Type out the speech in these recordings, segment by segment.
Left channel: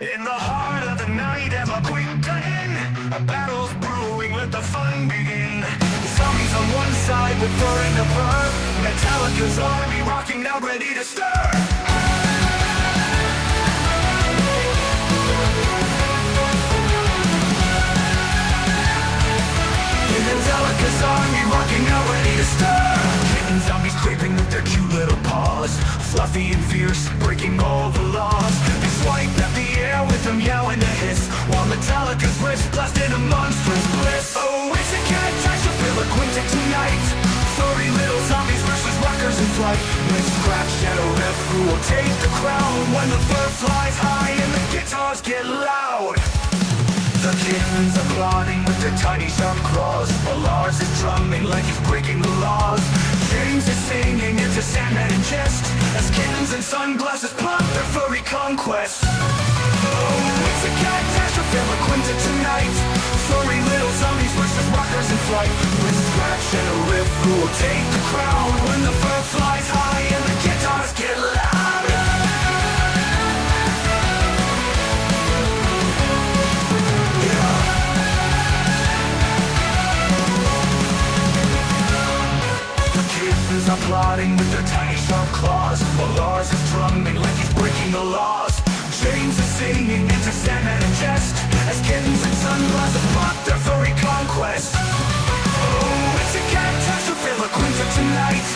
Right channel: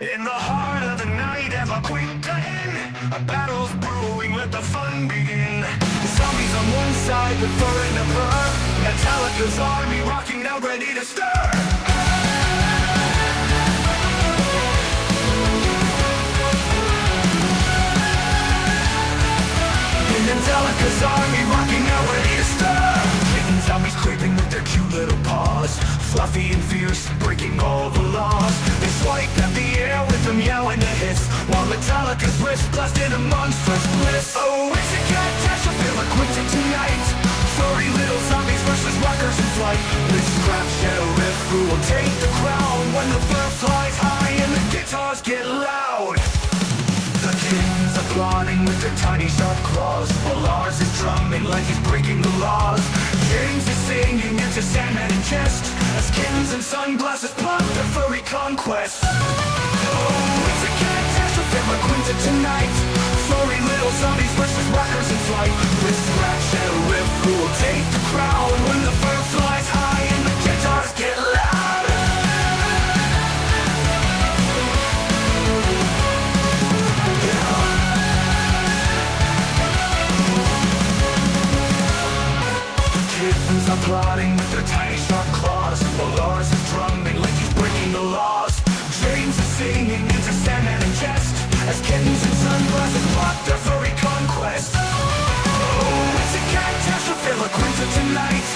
In the heart of the night at Laquinta Inn, a battle's brewing, let the fun begin. The zombies on one side with fur and a purr, Metallica's army rocking now ready to stir. In Metallica's army rocking now ready to stir. Kitten zombies creeping with their cute little paws, fluffy and fierce, breaking all the laws. They swipe at the air with a meow and a hiss, while Metallica's riffs blast in a monstrous bliss. Oh, it's a cat-tastrophe, Laquinta tonight. Furry little zombies versus rockers in flight. With scratch and a riff, who will take the crown when the fur flies high and the guitars get loud? The kittens applauding with their tiny sharp claws, while Lars is drumming like he's breaking the laws. James is singing into Sandman and jest, as kittens and sunglasses plot their furry conquest. Oh, it's a cat-tastrophe, Laquinta tonight. Furry little zombies versus rockers in flight. With scratch and a riff, who will take the crown when the fur flies high and the guitars get loud? Kittens are plotting with their tiny sharp claws, while Lars is drumming like he's breaking the laws. James is singing into Sandman and jest, as kittens and sunglasses plot their furry conquest. Oh, it's a cat-tastrophe, Laquinta tonight.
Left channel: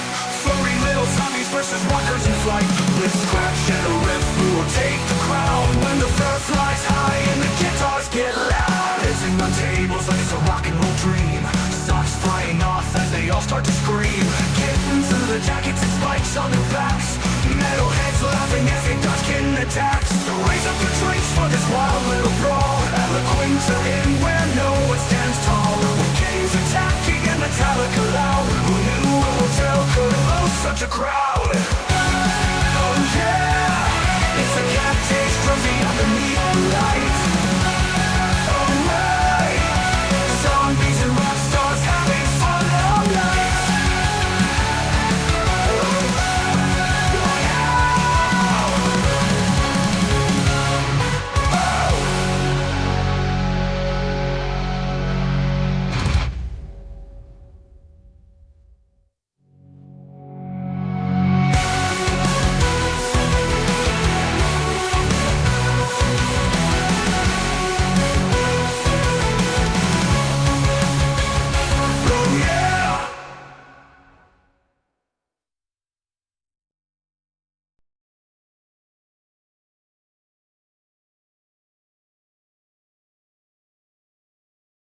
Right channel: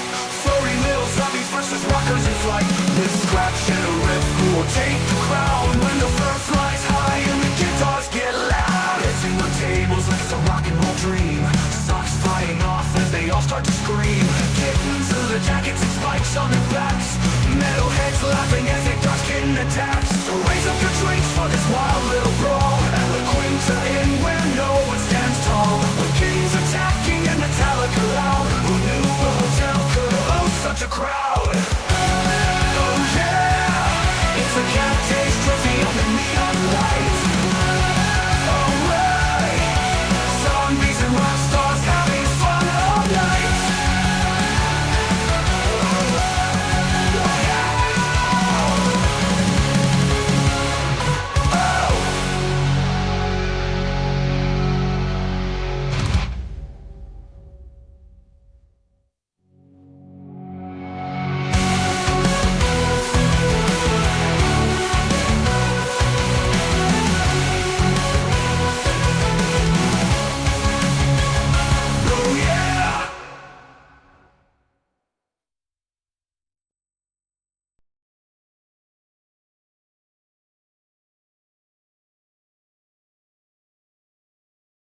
Furry little zombies versus rockers in flight. With scratch and a riff, who will take the crown when the fur flies high and the guitars get loud? Dancing on tables like it's a rock and roll dream, socks flying off as they all start to scream. Kittens in the jackets and spikes on their backs, metalheads laughing as they dodge kitten attacks. So raise up your drinks for this wild little brawl at Laquinta Inn, where no one stands tall. With kittens attacking and Metallica loud, who knew a hotel could host such a crowd?